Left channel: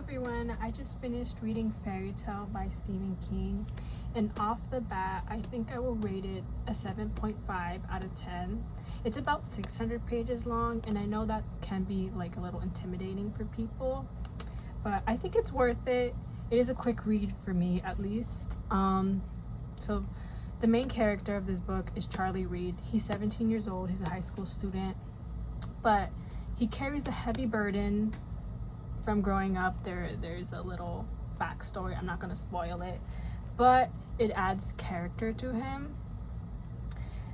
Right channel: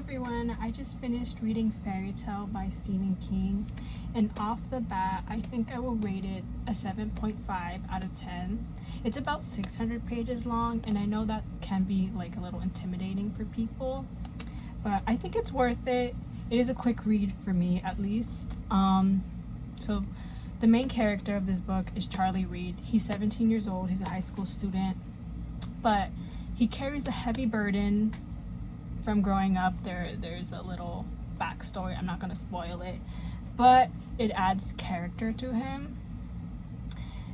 everyone, I just finished reading Fairytale by Stephen King, and off the bat I think I will rate it a 7.5 out of 10. It's about 600 pages long, and I know that can be like a little intimidating for people, but I think it's worth it. It is a quick read for me, at least. So the main character of this book is Charlie Reed. He's 17 years old. He's a high school student, but he carries a heavy burden from growing up. There's a little backstory. I'm not going to spoil it, but it adds character to him.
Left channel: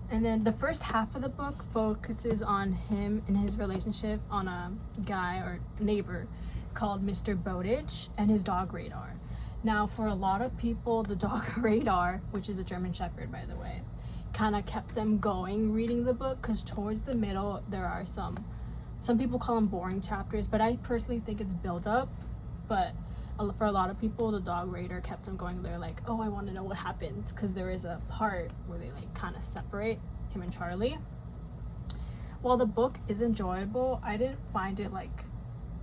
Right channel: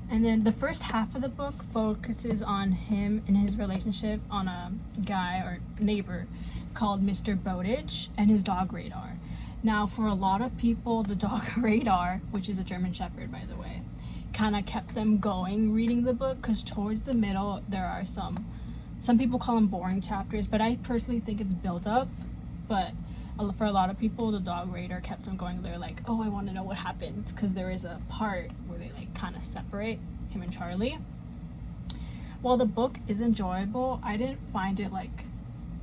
And then the first half of the book focuses on him and his relationship on a guy or neighbor called Mr. Bowditch and his dog Radar. Now, for a lot of people, the dog Radar, which is a German Shepherd, by the way, kind of kept them going reading the book, because towards the middle there are some people call them boring chapters, but I personally think it's built up. But for a lot of people, the dog Radar kept them going. They're like, oh, I want to know what happens, because there is a part where they like kind of separate him and Charlie. While the book is enjoyable, I didn't find it like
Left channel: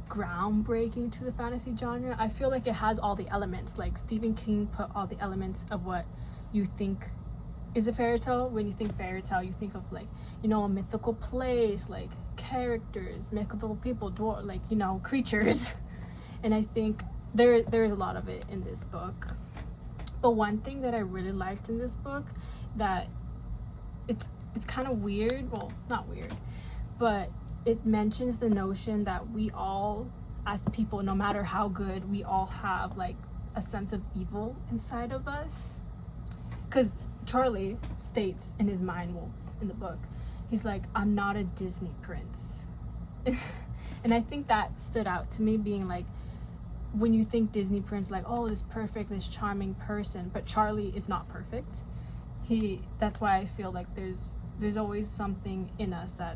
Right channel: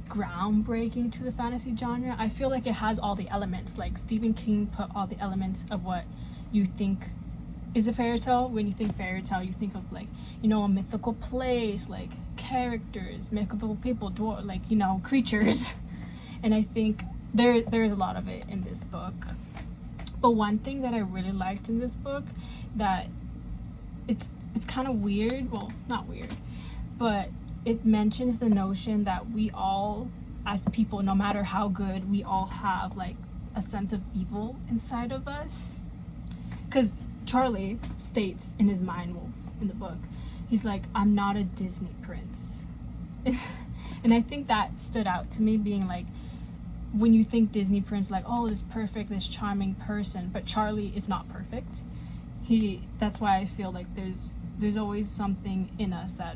groundbreaking to the fantasy genre. I feel like it has all the elements. Like Stephen King put all the elements of what you think is a fairy tale. When you think fairy tale, you think of like, you know, a mythical place, like characters, mythical people, like, you know, creatures. And I think there's a lot of it in this book. But one thing that I really liked in this book, that it's kind of weird, well, not weird, but it mentions the notion that we all, as people, no matter how good, we all have like a sense of evil inside of us. Because Charlie states in his mind, well, in the book, he's like, I'm not a Disney prince. And I think that stood out to me, being like, when you think Disney prince, like, oh, this perfect, this charming person, but Charlie is not perfect. That's why I feel like there's always something in us that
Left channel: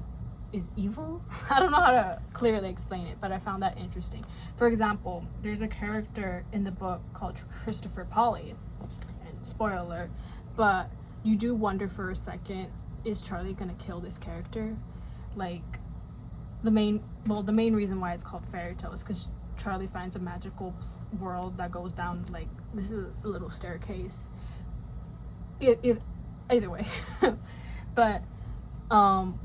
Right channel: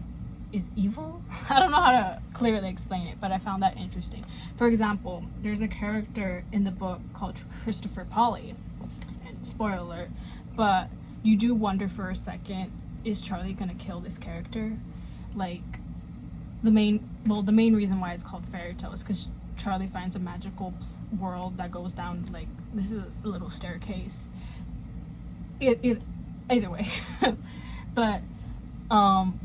is evil. I don't know how to clearly explain it, but I found that interesting. For example, there's a character in the book called Christopher Polly, and spoiler alert, but you do wonder for a second, is Charlie gonna kill this character? Like, the main reason why it's called Fairytale is because Charlie finds a magical world that goes down, like, this is a little staircase. Either way. But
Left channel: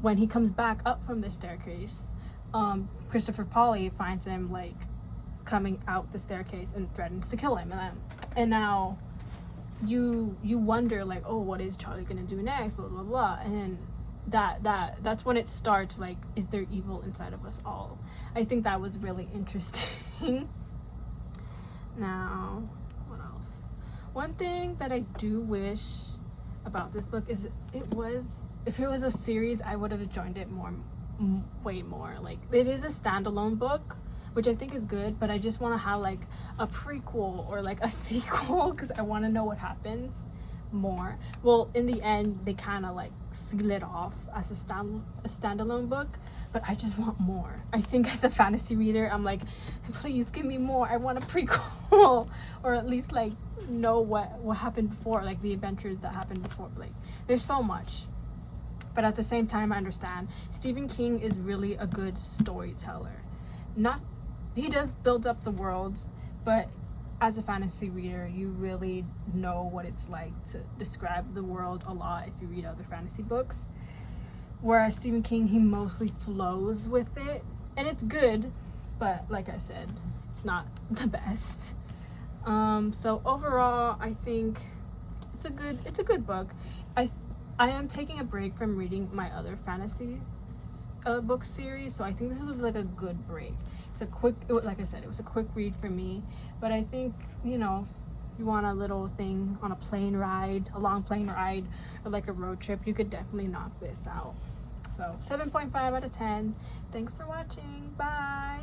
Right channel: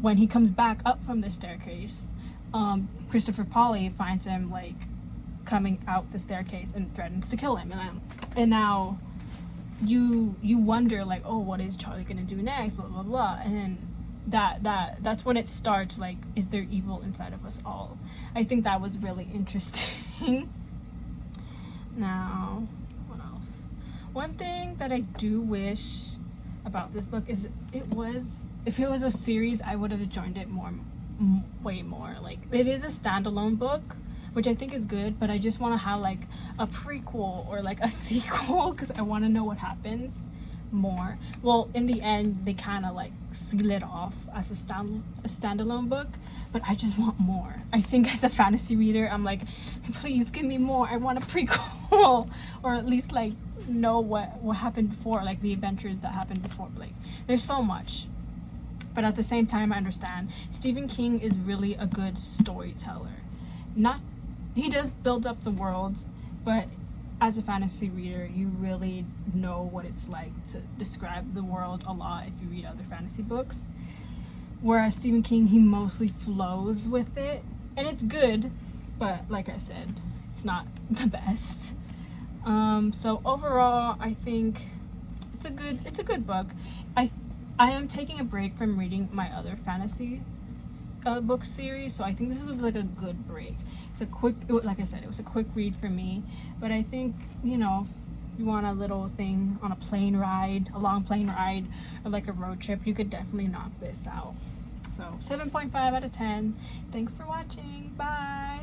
when he comes back up from the staircase, Christopher Polly finds him like coming out the staircase and threatens to kill him. And now you wonder, like, oh, what is Charlie gonna do next? Blah blah blah. And then that's when it starts. Like, is there evil inside of us all? I think that was really interesting. Now, what else? One thing that I do wish about this book is if it was a series, I would have enjoyed it way more. Like, it is a standalone book, which I think is good, but I just want to have like a prequel or like a sequel, because I want to know what happens more. Well, in the end, they kind of like seal it off as a standalone book, but I just want more. I think as a fantasy reader, I'm like, please give me more. I want a prequel, or at least like know what happened before, like the adventures that happened before. Like, there's so much. But at the same time, I understand Stephen King is really a good storyteller. He does build up the world, but as a fantasy reader, you really know what it's like to describe the world a lot if you read other fantasy books. Whereas Stephen King, he mostly flows with it, and it's good, but like I said, it's not the best. So overall, I think it's a good book. I am taking a break from reading my other fantasy book series, so I think this was like a good break. Like I said, it was a quick read for me, but I think, you know, if you want a little thing on a long plane ride, or like a road trip, you could definitely knock this out. So 7.5 out of 10. Thanks for watching. Bye.